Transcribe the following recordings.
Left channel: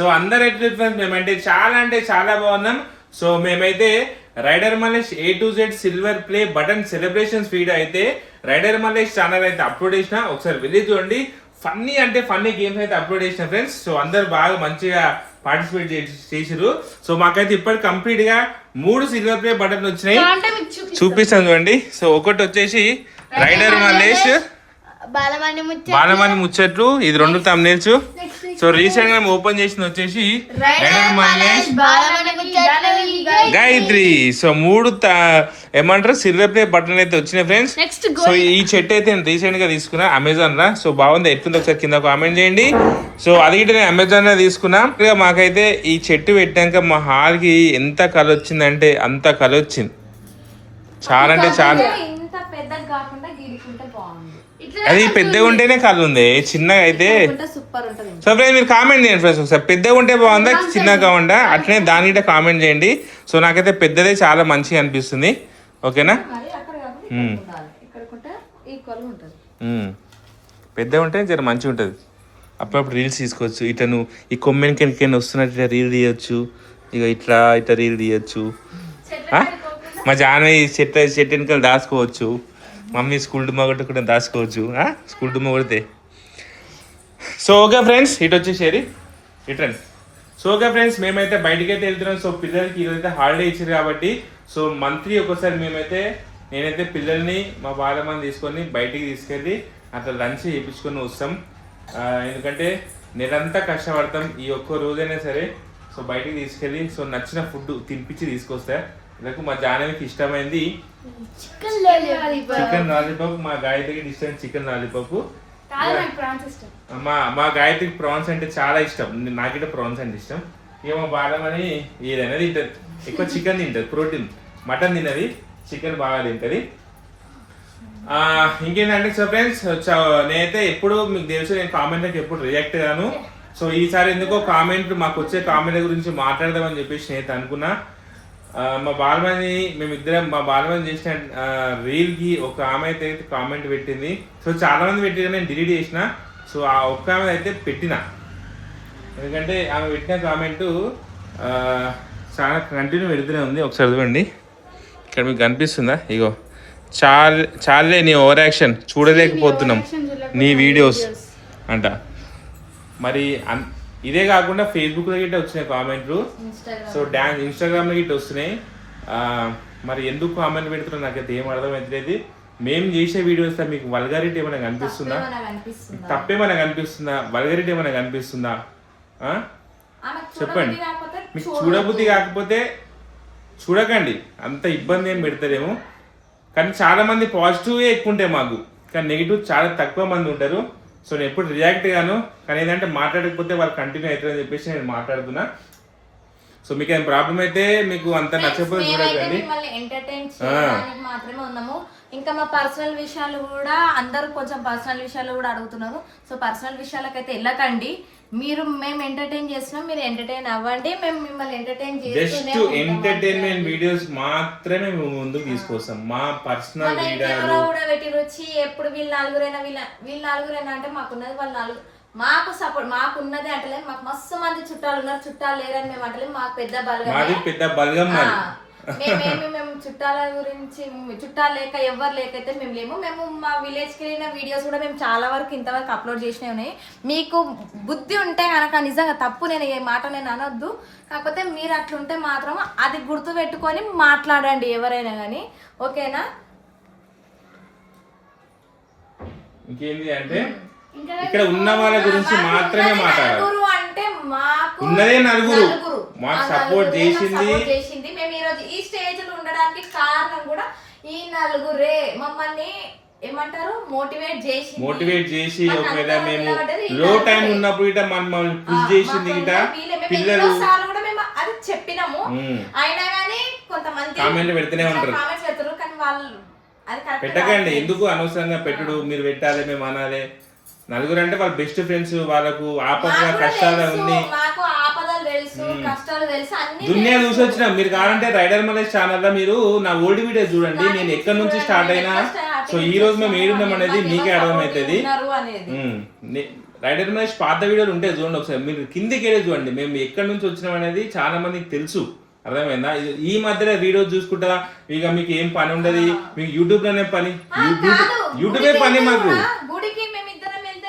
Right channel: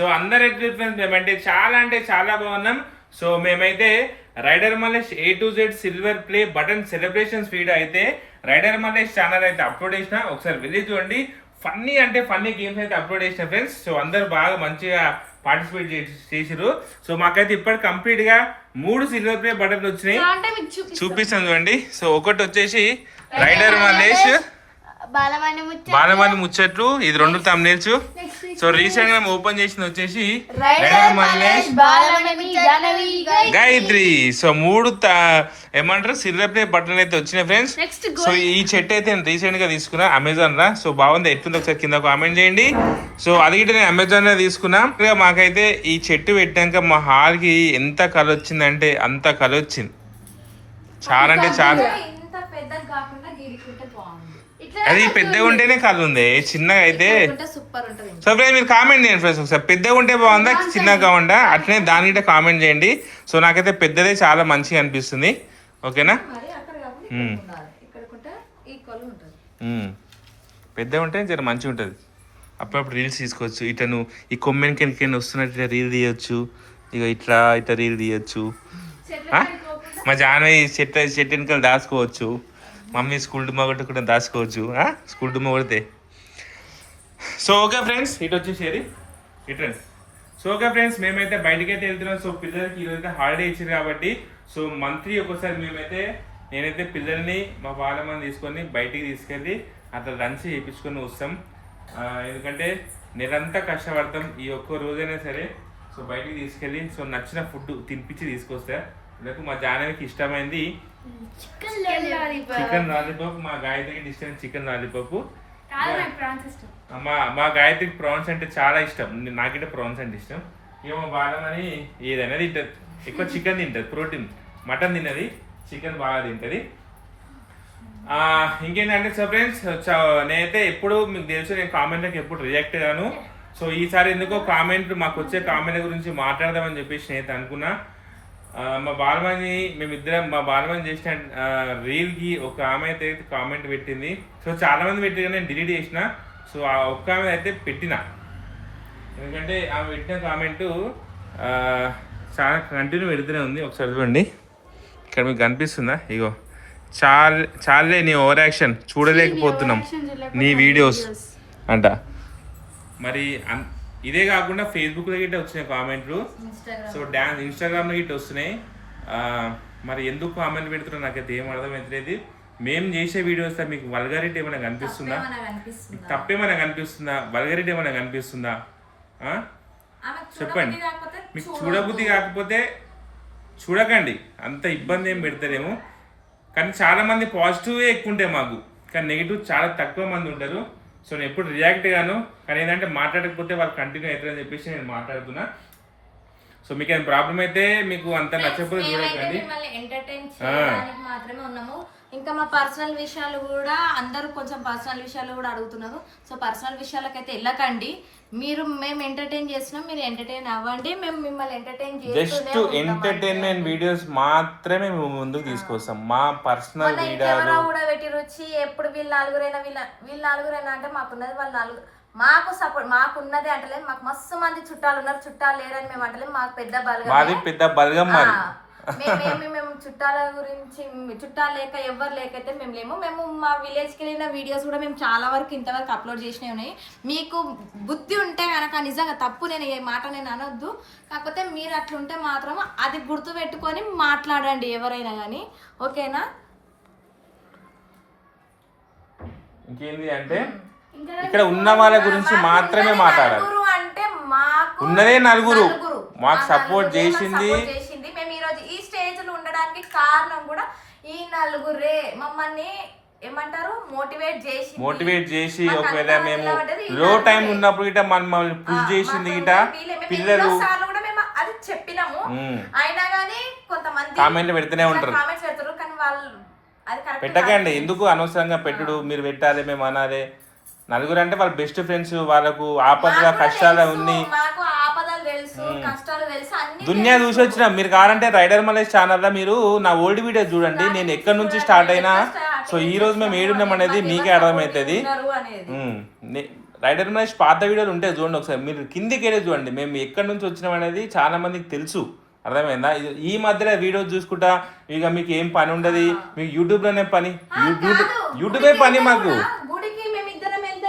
So అందరు ఎట్లా మేమైతే చాలా బాగున్నాం. సో మేమైతే rider Mallesh A to Z silver play button celebrations video అయితే రైడర్ మల్లేష్ ఛానల్ అయితే అప్లోడ్ చేసిన, ఒకసారి వెళ్ళి చూడండి. ఫన్నీ గేమ్స్ అయితే అప్లోడ్ చేసిన ఫ్రెండ్స్. సో అందరు బాగా మంచిగా పార్టిసిపేట్ చేసిరు. సో మాకైతే ఇప్పటి కంప్లీట్ గా 3 సిల్వర్ ప్లే బటన్లు వచ్చినాయి, చూపిస్తాను చూడండి. సో ఒకటి వచ్చేసి రైడర్ మల్లేష్ బాలమణి ముచ్చట్లు, ఇది 2 thumbnails. సో రీసెంట్ గా ఓపెన్ చేసిన వచ్చేసి రైడర్ మల్లేష్ గాయత్రి. సో 3 ఏమంటారు సిల్వర్ ప్లే బటన్ అయితే వచ్చినాయి ఫ్రెండ్స్. సో ఈ చెట్టు అయితే నేను రీసెంట్ గా తీసుకున్నా అమెజాన్ లా. సో బాగుంది, ఎట్లుంది ఒకసారి కింద కామెంట్ చేయండి. సో అది కూడా నేను అమెజాన్ లో తీసుకున్నా. మాకైతే ఈ చెట్టు పెట్టాక మా హాల్ కి ఎంత కలర్ వచ్చిందంటే అంత కలర్ వచ్చింది, చాలా అంటే చాలా. అది పెద్దగా ఉంటేనే కలర్ ఉంది, చిన్నగా అయితే. సో ఫ్రెండ్స్ మీరు కామెంట్ చేయండి ఫ్రెండ్స్, ఒకసారి పెద్దగా ఉంటే బాగుందా చిన్నగా కాకుండా, అట్లనే దాని కామెంట్ చేయండి. సో నాకైతే పెద్దదే చాలా మంచిగా అనిపిస్తుంది. ఓకేనా, పెద్దగా ఉంటే జర మంచిగా ఉంటుంది. అప్పుడప్పుడు రీల్స్ తీసుకోవచ్చు. ఇతను ఈ కొమ్మెనికి వస్తున్నట్టు ఇట్లా రీల్ తీయచ్చు, ఇక ఇట్లా రీల్ తీయచ్చు. మా జానవి చెట్టు వెనకాల దాచుకోవచ్చు. మమ్మీ స్కూల్ డుమ్మా కొట్టి కూడా దాచుకోవచ్చు, స్కూల్ డుమ్మా కొడితే. సో ఓకే ఫ్రెండ్స్, ఇటు వచ్చేసేది రిటర్న్. సో ఓకే ఫ్రెండ్స్, మేమైతే బయటకి అయితే వెళ్తున్నాం. సో పిల్లలకి ఈరోజైతే హాలిడే ఇచ్చారు కాబట్టి, సో మంత్లీ ఒకసారి నేనైతే పిల్లల్ని మా బాలమని తీసుకొని బయటికి తీసుకెళ్ళి అట్లా లంచ్ చేయించుకొని వస్తాం. ఎందుకంటే నెలంతా కష్టపడతాం, ఈ ఒక్క రోజైనా సరే. సో బయటికి తీసుకెళ్ళి సో నచ్చిన ఫుడ్ తినిపించి తీసుకొస్తా. నాకు మా జానవికి ఇష్టమైంది చికెన్ లాలీపాప్, మా గాయత్రికి ఇష్టం చికెన్ లాలీపాప్. మా గాయత్రికి ప్రాన్స్ అంటే చాలా ఇష్టం, నాకంటే ప్రాన్స్ అంటే ఇష్టం. ఇక మా బాలమని ఏదైనా తింటది, ఎక్కువ చికెన్ తింటది, ప్రోటీన్. మటన్ తినది, చికెన్ బాగా తింటది. ఇంకేంటంటే సో ఫ్రెండ్స్, నేనైతే ఎప్పుడు మీకు తెలుసు నేను కామెంట్లకు ఎప్పుడు రియాక్ట్ గాను. సో ఈసారి ఎందుకో మాకు వచ్చే కామెంట్ల గురించి మాట్లాడదామని చెప్పేసి నేనైతే అనుకున్నా. మా బాలమని చేసిన రీల్కి ఒక ఆమె అయితే కామెంట్ పెట్టింది. సో చాలా మంది పెట్టి నేను డిలీట్ చేసిన. సో ఆ ఒక్క ఆమె అయితే పెట్టిన, ఎందుకంటే ఆమె పెట్టిన కామెంటు చాలా కంటిన్యూ పెడుతూనే ఉంది. ఒకసారి చూడండి, ఇక్కడ మీకు కనిపిస్తుందా? ఇగో చాలే నీ ఓవర్ యాక్షన్, చూడలేకపోతున్నాం నీ వీడియోస్ అంట. మరి ఇదే కాకుండా ఫేస్బుక్లో గిట్ట వచ్చినాయి కామెంట్లు, సో ఇన్స్టాగ్రామ్లో గిట్ట వస్తున్నాయి. మరి ఎందుకు కామెంట్ పెడుతున్నా నాకైతే ఏం అర్థమవుతలేదు. మేము చేసే వీడియోస్ మీకు వల్గారిటీ ఏమైనా కనిపిస్తుందా, తప్పేమైనా కనిపిస్తుందా, వల్గారిటీ ఏమైనా కనిపిస్తుందా చెప్పండి. మీకు చూడబుద్ధి కాకపోతే చూడకండి, అంత ఇబ్బంది ఏం పెడతారేమో. కానీ చాలా మంది పాజిటివే ఎక్కువ ఉంటాయి మాకు, కానీ నెగిటివ్ చాలా తక్కువ మంది ఉంటారు. సో నేను ఎప్పుడు రియాక్ట్ గాను, కానీ ఏంటంటే మాట్లాడకపోతే వాళ్ళు కంటిన్యూ అవుతారని చెప్పేసి నేను మాట్లాడుతున్నా. సో మీకు ఏం ప్రాబ్లం అయితే మీకు అంత నచ్చకపోతే చూడకండి, మాత్రమే ఉన్నాము. ఇంకా మా పర్సనల్ విషయాలు కూడా అందరూ కొంచెం పర్సనల్ విషయాలు కూడా అడుగుతున్నారు. సో పర్సనల్ విషయాలకైతే వెళ్ళకండి. మేము ఎంటర్టైన్ చేస్తున్నాం, మీరు ఎంటర్టైన్ అవ్వండి, మేము మిమ్మల్ని ఎంటర్టైన్ జస్ట్ ఎంటర్టైన్మెంట్ వీడియోస్ మాత్రమే మేము ముందుకు తీసుకొస్తాం. మా పర్సనల్ వీడియోలు కూడా పెట్టి రుచి ఎప్పుడు వీళ్ళ నలుగురైనా అంటే మాకున్నది వాళ్ళ నలుగురు, మాకు సపోర్ట్ మాకున్నది అంటలేదు. మాకు మస్తు మంది చుట్టాలు ఉన్నారు, చుట్టాలు లేరని మేము అంటలేదు. మాకు పెద్ద బలగం మేము చుట్టాల గురించి చుట్టాలు లేక ఎవరు లేకైతే మేము లేము. మేము మా విలేజ్కి వెళ్ళిన వీడియోస్ కూడా మేము చాలా వరకు ఇంతవరకు అప్లోడ్ చేసినవి ఉన్నాయి. మీకు బుద్ధి ఉంటే కనుక నిజంగా తప్పు, నేను ఈ మాట నేను అనొద్దు, కాకపోతే మీరు అట్లుంటే మాత్రం అది గుర్తు పెట్టుకొని మాట్లాడండి ఎవరైనా కానీ, ఓకేనా? ఇంకేంది అంటే ఇక్కడ ఉన్న వాళ్ళ గురించి మాత్రమే మాట్లాడాలి. అంటే మాకు ఉన్నదే నలుగురు మాకు సపోర్ట్ చేసింది. మేము ఈ రోజు ఈ స్టేజ్ లో ఉండడానికి కారణం కూడా ఈ నలుగురే. మమ్మల్ని ఏమంటారు మోటివేట్ చేసి ఒకవేళ మేము లో టైం ఉన్నప్పుడు గిట మమ్మల్ని పుష్ చేసింది గిట పిల్లలు కూడా మేము అది చెప్పినాము. అయినా కానీ కొంతమంది కామెంట్లు పెడుతూనే ఉంటారు. కానీ వాళ్ళు అది పెట్టకండి, ఎందుకు అనవసరంగా పెట్టుడు. మీరు పెట్టాలి, మేము అనాలి. నలుగురు అంటే వాళ్ళ బెస్ట్ ఫ్రెండ్స్, వాళ్ళకు ఆపద కష్టాలు ఉంది, దునియా చూసి వచ్చిన. మీరు కావాలంటే రైడర్ మల్లేష్ ఛానల్ లో మీరు నా ఓల్డ్ వీడియో చూడండి, నేను ఎక్కడి నుంచి స్టార్ట్ అయినా సో ఈ రోజు మేము ఏడున్నాం అనేది మీకే అర్థమవుతుంది. అనేది రైడర్ మహేష్ పాత వీడియోలు ఉంటాయి చూడండి ఒకసారి, మీరు కిందికి వెళ్ళి చూడండి మేము ఎక్కడి నుంచి వచ్చినాం అనేది చాలా మందికి తెలుసు. అర్థమైందా? ఈ మధ్యలో వీడియో చూసుకుంటా ఇక మీకు ఏం పని ఉండదు, మీకు యూట్యూబ్ లోనే పని, యూట్యూబే పని మాకు. గుడికి మేమిద్దరం వెళ్తే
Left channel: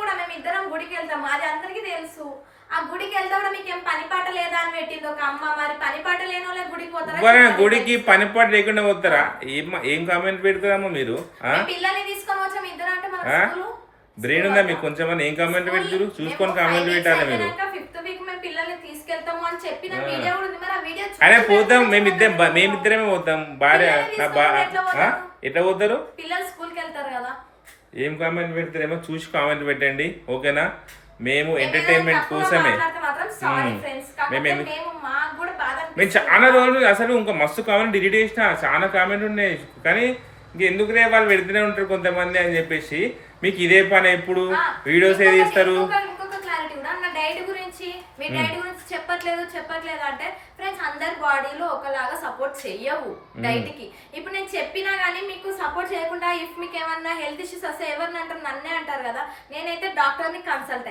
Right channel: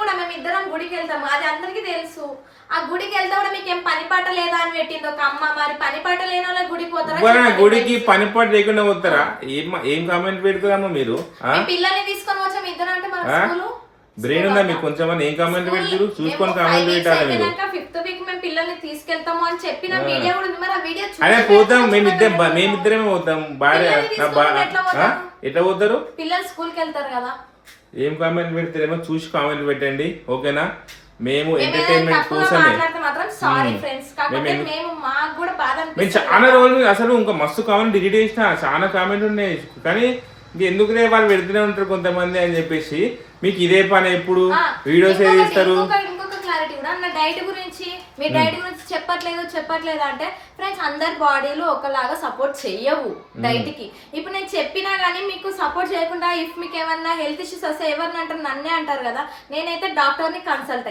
కూడా మేమిద్దరం గుడికి వెళ్తాము, అది అందరికీ తెలుసు. ఆ గుడికి వెళ్తే కూడా మీకు ఏం పని పాట లేదా అని పెట్టింది ఒక అమ్మ. మరి పని పాట లేని వాళ్ళ గుడికి పోతారా? గుడికి పని పాట లేకుండా పోతారా? ఏం కామెంట్ పెడతారమ్మా మీరు? పిల్లల్ని తీసుకొని వచ్చాం ఇద్దరు అంటే మన బ్రెయిన్ ఉందా మీకు కొంచెం? ఏం కామెంట్ పెడతారు? చూసుకొని కామెంట్ పెట్టాలి మీరు. ఫిఫ్త్ వీక్ మేము పిల్లల్ని తీసుకెళ్తాము అని చెప్పిన వీడియో కూడా ఉంది. మరి ఆ వీడియో అదే పోతాం, మేమిద్దరమే పోతాం. భార్య ఎట్లా పోతారు? పిల్లలు స్కూల్ కి వెళ్తారు కదా. ఏం కామెంట్ పెడతారేమో చూసి కామెంట్ పెట్టండి, ఓకేనా? మేము ఎంటర్టైన్మెంట్ కోసమే. మేము చాలా రోజులు అసలు ఇంకా మస్తు కామెంట్ డిలీట్ చేసిన, చాలా కామెంట్ ఉన్నాయి కానీ ఎందుకునే వాళ్ళు పెడుతూనే ఉంటారు కొంతమంది అని చెప్పేసి. మీకు ఇదే పని ఎప్పుడు వీడియోస్ ఏది ఇస్తారు? ఇంకొక క్లారిటీ కూడా నా డైట్ గురించి, మీ డైట్ గురించి చెప్పట్లేదు అంటే ఫ్రెండ్స్ అందరి బాడీలు ఒకలాగా సపోర్ట్ చెయ్యవు డైట్ కి. ఇప్పుడు నేను చెప్పినా గానీ మీకు సపోర్ట్ చేయకుండా ఇఫ్ మీకు ఏమన్నా హెల్త్ ఇష్యూస్ వస్తే ఎవరిని అంటారు? నన్నే అంటారు కదా. నేనైతే డాక్టర్ని కన్సల్ట్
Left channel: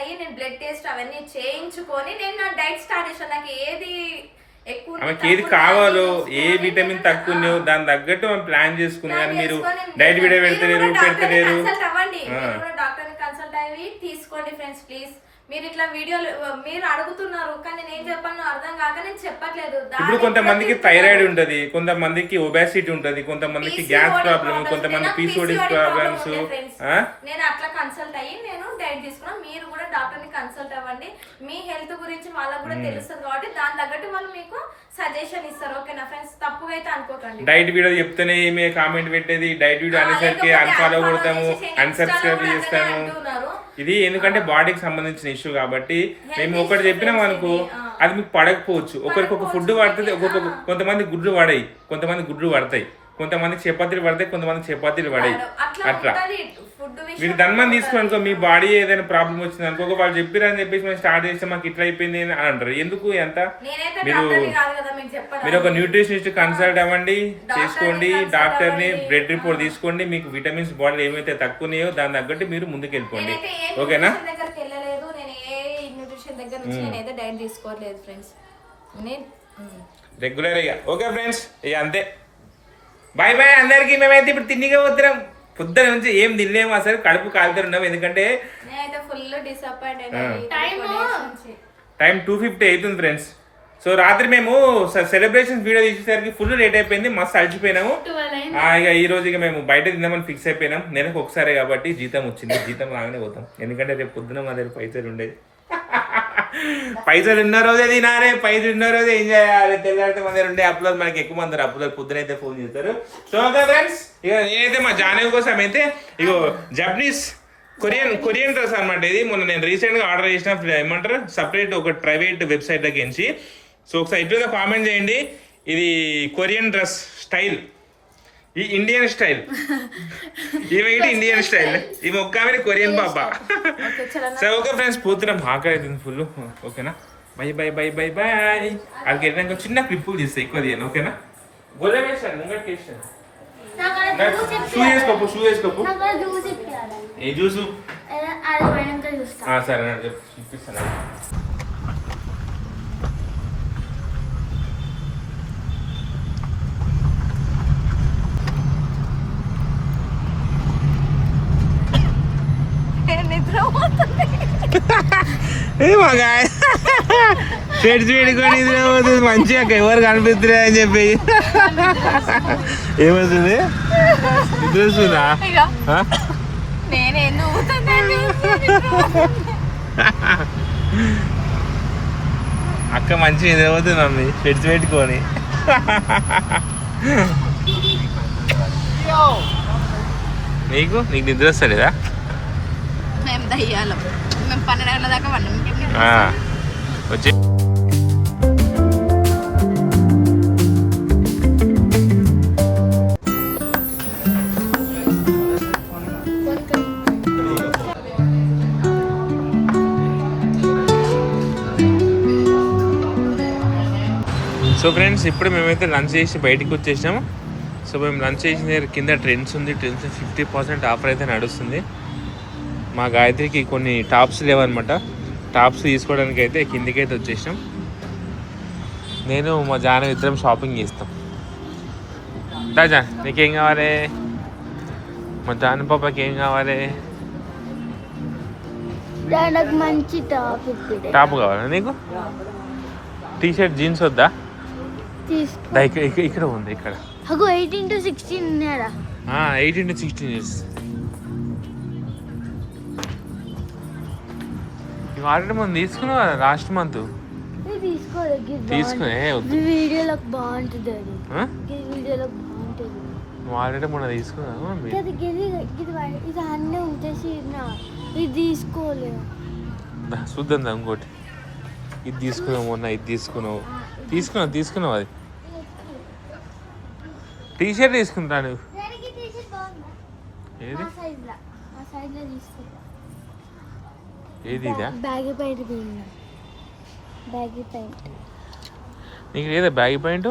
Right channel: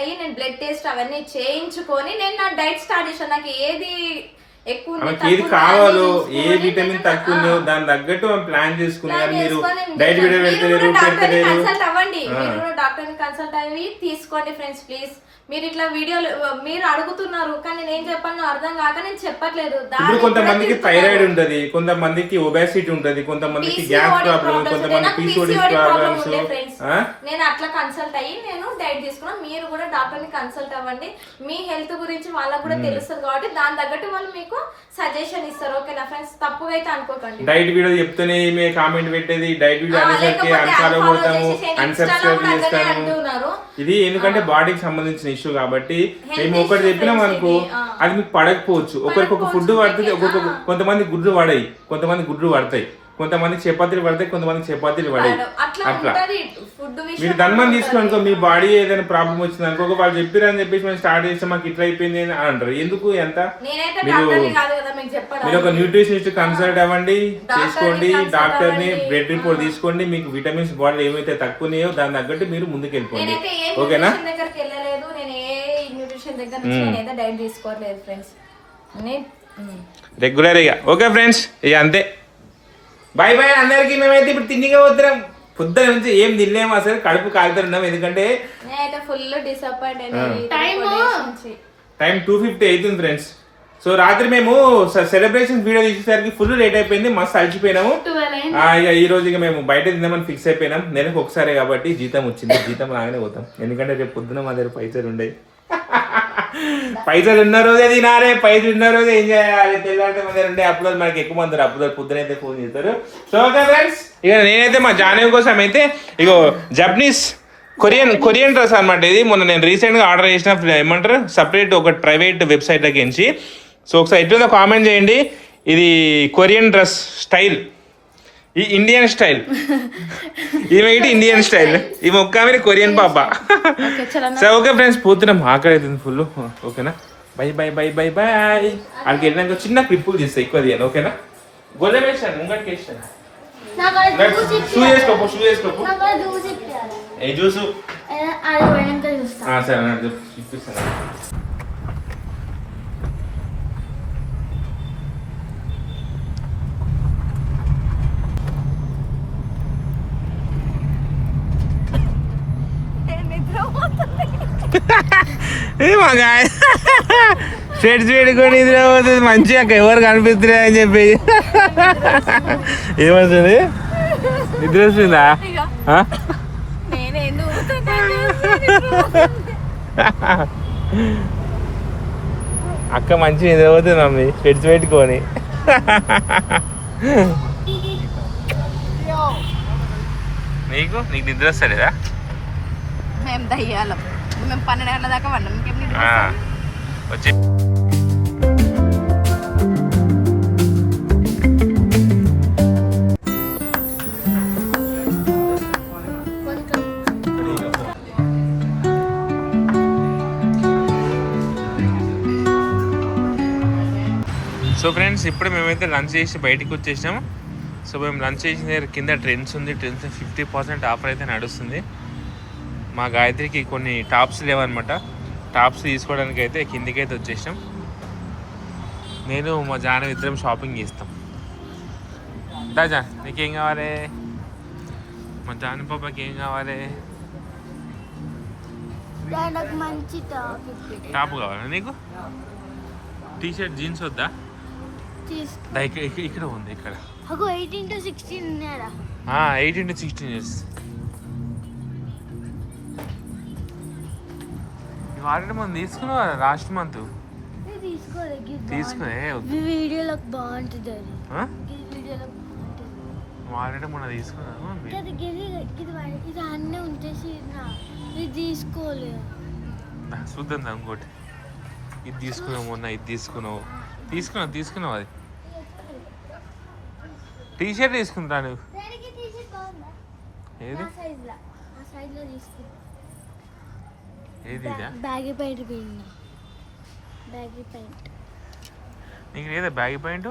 అయ్యి నేను బ్లడ్ టెస్ట్ అవన్నీ చేయించుకొని నేను నా డైట్ స్టార్ట్ చేశాను. నాకు ఏది కావాలో, ఏ విటమిన్ తక్కువ దాని తగ్గట్టు మనం ప్లాన్ చేసుకుని, కానీ మీరు డైట్ వీడియో పెడతలేరు. డాక్టర్ ని కన్సల్ట్ అయ్యి తీసుకోండి ఫ్రెండ్స్ ప్లీజ్. మీరు ఇట్లా వీడియోలు మీరు అడుగుతున్నారు కానీ నేను చెప్పాను అర్థం కాక నేను చెప్పట్లేదు. ఇప్పుడు కొంతమందికి థైరాయిడ్ ఉంటది, కొంతమందికి ఒబేసిటీ ఉంటది, కొంతమందికి గ్యాస్ ప్రాబ్లమ్, కొంతమంది పీసీఓడి ప్రాబ్లమ్స్. నేను అట్లా కన్సల్ట్ అయ్యి నేను డైట్ తీసుకున్నా. మీరు కూడా డాక్టర్ ని కన్సల్ట్ అవ్వండి. మీ హెల్త్ గురించి వాళ్ళకు కూడా తెలుస్తుంది కాబట్టి దాని తగ్గట్టు వాళ్ళు మీకు సజెషన్ ఇస్తారు, ఓకేనా ఫ్రెండ్స్? తప్పుగా అయితే అనుకోకండి. డైట్ వీడియో చెప్తేనే మేము కామెంట్ పెట్టేది, డైట్ వీడియో అనేసరికి అన్ఫాలో కొడతాము, అన్సబ్స్క్రైబ్ చేస్తాము. ఇది ఎందుకంటే బాడీకి సంబంధించిన ఇష్యూ కాబట్టి మేము ఒకటి చెప్పినాం అనుకో అది మీకు పడకపోవచ్చు. ఒకరికి ఒక ఫుడ్ పడుతుంది, కొంతమంది గుడ్లు పడాయి, కొంతమంది గుడ్లు పడతాయి, కొంతమందికి చపాతీలు పడతాయి, కొంతమందికి చపాతీలు పడాయి. అట్లా మీరు ధన్మని తీసుకుని అనుకో, మీ బాడీ ఏదైనా ప్రాబ్లం వచ్చింది అనుకో, వాళ్ళు చెప్పారని చెప్పేసి మేము స్టార్ట్ చేస్తే మాకు ఇట్లా అయిపోయింది అని అంటారు. ఎందుకు ఎంత? మీరు ఒక న్యూట్రిషనిస్ట్ కన్సల్ట్ అవ్వండి, చేసుకోండి, డాక్టర్ ని బ్లడ్ రిపోర్ట్ తీసుకోండి, మీకు విటమిన్స్ బాడీలో ఏమైతే తక్కువనాయో దాని తగ్గట్టు మీరు ముందుకు వెళ్ళిపోండి, ఓకేనా? రెగ్యులర్ ఇక ఓకే ఫ్రెండ్స్, ఇక అంతే. బాయ్ బాయ్ అందరికి. మేమైతే ఇప్పుడు తిండిగా పోతున్నాం, పొద్దున నుంచి ఏం తినలేము, అసలు కడుపు కాలుతున్నాం. ఎందుకంటే టైం 2:50 అవుతుంది ఫ్రెండ్స్. సో రాత్రి మేము సెలబ్రేషన్ వీడియో తీసేసరికి ఫుల్ లేట్ అయిపోయింది, మస్తు అలసిపోయినాము. ఇక ఈ రోజు ఇక మేము బయట తిందామని ఫిక్స్ అయిపోయినాం. నెలకు ఒకసారి కాబట్టి జీతం వచ్చింది, జీతం రాగానే పోతాం. ఎందుకంటే రేపు పొద్దున మా దగ్గర పైసలు ఉండేవి. పైసలు ఉన్న రోజే తినాలి, పైసలు ఉన్న రోజే ఏం చేయాలి. తెల్లారంటే మన దగ్గర ఉండే అప్పులో మనకి ఎక్కువ మంది అప్పులో పొద్దునైతే ఫోన్ చేస్తారు. సో ఓకే ఫ్రెండ్స్, ఇక నేనైతే మా జానవి కోసం అయితే ఇగో జపనీస్ కొరియన్ డ్రెస్ అనమాట. ఇది మొన్న నేను రీసెంట్గా ఆర్డర్ చేసిన, ఏమంటారు సపరేట్ ఒక ప్రైవేట్ వెబ్సైట్ దగ్గరించి. సో ఒకసారి ఎట్లుందో కామెంట్ చేయండి. ఇది కొరియన్ డ్రెస్ స్టైల్, ఈ ఇండియన్ స్టైల్, ఈమె ఇండియన్ స్టైల్, ఈ మొక్క మీద కొరియన్ పాప. సో ఓకే ఫ్రెండ్స్, పోతున్నాం, ఆకలి అవుతుంది ఫుల్, ఓకేనా? Bye bye bye bye bye. అక్కడికి వెళ్ళినాక చిన్న క్లిప్పులు చేస్తాయి, ఎక్కువ తీయాలి, ఓకేనా? గొల్ల వేసాను ముంగట్ వేసాను. షూ చేసుకోపు ఏ జ్యూసు సరే అన్నాడు, చూపిస్తాను. షర్ట్స్ పెట్టుకొని నిద్ర పోతుంది మంచిగా, ఎవరు కనిపిస్తున్నాయి అని చెప్పి. ఏమవుతుంది? నిద్ర వస్తుందా? అక్క మంచిగా నిద్ర పోతుంది మమ్మీ షర్ట్స్ పెట్టుకొని. నీకు నిద్ర వస్తలేదా? మేము 12 గంటల దాకా వాళ్ళం వచ్చి. సో ఫ్రెండ్స్, ఇప్పుడు మేమైతే లంచ్ చేసి బయటికి వచ్చేసాము. సో మేము లంచ్ చేసిన దగ్గర కింద ట్రెండ్స్ ఉంది. ట్రెండ్స్ 50% ఆఫర్ అయితే నడుస్తుంది. మా గాయత్రికి కొన్ని టాప్స్ లేవన్నమాట. టాప్స్ తీసుకోవడానికి అయితే కిందికైతే వచ్చేసినాం. నేను మా జాన ఇద్దరం షాపింగ్ చేస్తాం. దాజా నీకేం కావాలి? మా జాన పాపకి ఏం కావాలి? మంచి టాప్ కావాలా నీకు? టీషర్ట్ జీన్స్ వద్దా? ఇక్కడ ఉంది ఇక్కడ 18 to 16 ఉన్నారా? 18 to 16 ఇయర్స్. ఇవి ఆల్రెడీ మనం తీసుకున్నావు కదా లాస్ట్ మంత్. తీసుకునే వీడియోలో బాగుంటుంది అది. వీడియోలో బాగుంటుంది. నువ్వు ఆల్రెడీ మొన్న తీసుకున్నావు. ఇది అన్నీ ఉంచేసి ఇది తీసుకోలేదు. చూద్దాం ఇంకోటి. ఇది తీసుకున్నావు మొన్న. ఇది తీసుకున్నావు అది. టీషర్ట్ తీసుకుంటా నువ్వు. ఏది ఏది ఇదా? బ్యాగీ ప్యాంట్ బ్యాగీ ప్యాంట్ నీకు లేదా బ్యాగీ ప్యాంట్?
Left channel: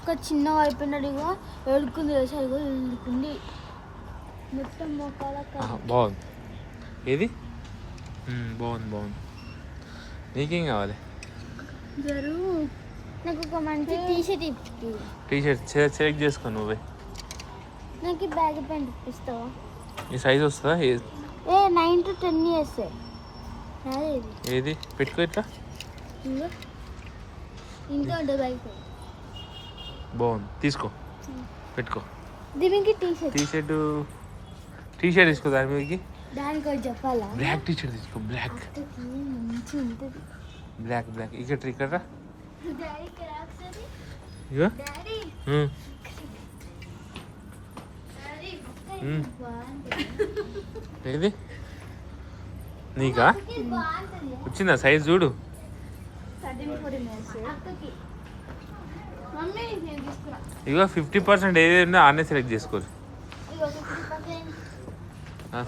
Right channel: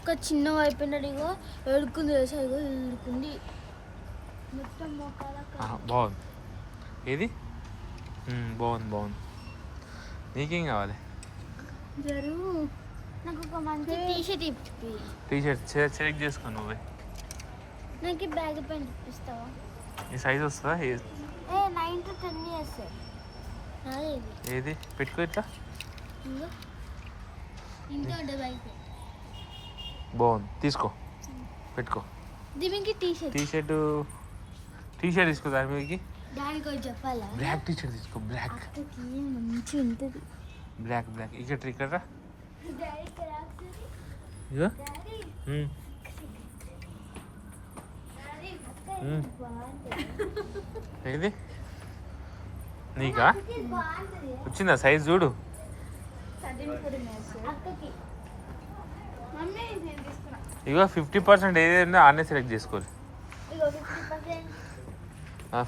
ఒక చిన్న అయిపోయినట్టుగా ఎడుకుంది. సరిగా ఎడుకుంది మొత్తం. బాగుంది. ఏది బాగుంది. నీకేం కావాలి? నాకు ఒక మంచి టీషర్ట్ ఇప్పి. టీషర్ట్ సెలెక్ట్ చేసుకో నువ్వే. నాకు బ్యాగ్ ప్యాంట్ ఇప్పిస్తావా? ఈ సైజ్ వస్తుందా? 9 to 10 years. ఏది పెట్టుకో ఇట్లా. ఇంకా బ్యాగ్ ప్యాంట్ బాగుంది. తీసుకో పెట్టుకో. దీనికి టీషర్ట్ తీసుకో. దాని మీదకి దానికి చెప్పాలా? బ్లాక్ టీషర్ట్ తీసుకో. బ్లాక్ మంచిగా ఉంటుంది. బ్లాక్ ఇక్కడ రా. ఇగో ఏది నీకా వచ్చిందా? సైజ్ చూడు. ఇగో 50% ఏది ఉందో ఆనే సెలెక్ట్ చేసుకోరు.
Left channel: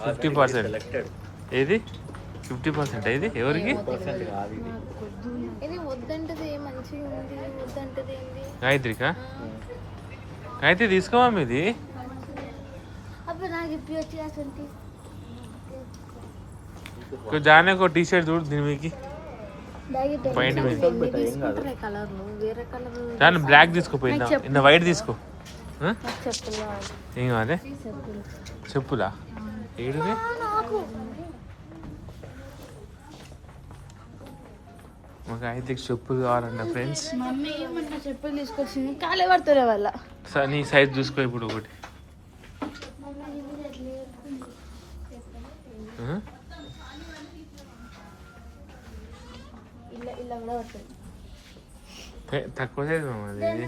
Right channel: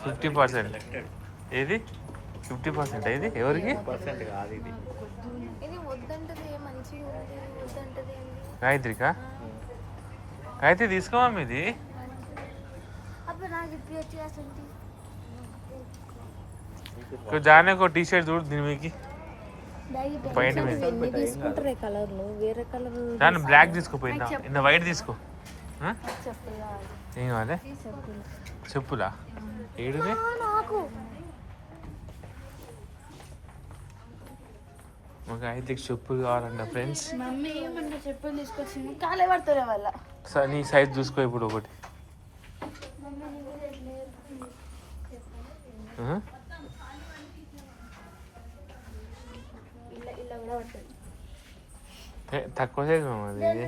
50% ఏది? 50% ఏది ఎవరికి? గాయత్రికా? గాయత్రి తీసుకోవా మీది? జానే ఒక టీషర్ట్ చూడు దీని మీదకి. పైన దాన్ని బ్లాక్ తీసుకోపోయిందా? ఇన్న వైట్ తీసుకో. ఏం కావాలి? చెప్పులా? ఏడుదే? మాకు అయితే చెప్పులు కావాలన్న ఫ్రెండ్స్. చెప్పులు తీసుకొచ్చింది కాలే పడుతుంది వాళ్ళ. నీ సైజ్ చూసుకో ఇప్పుడు ఒకటి. తక్కువ సైజ్ మాది.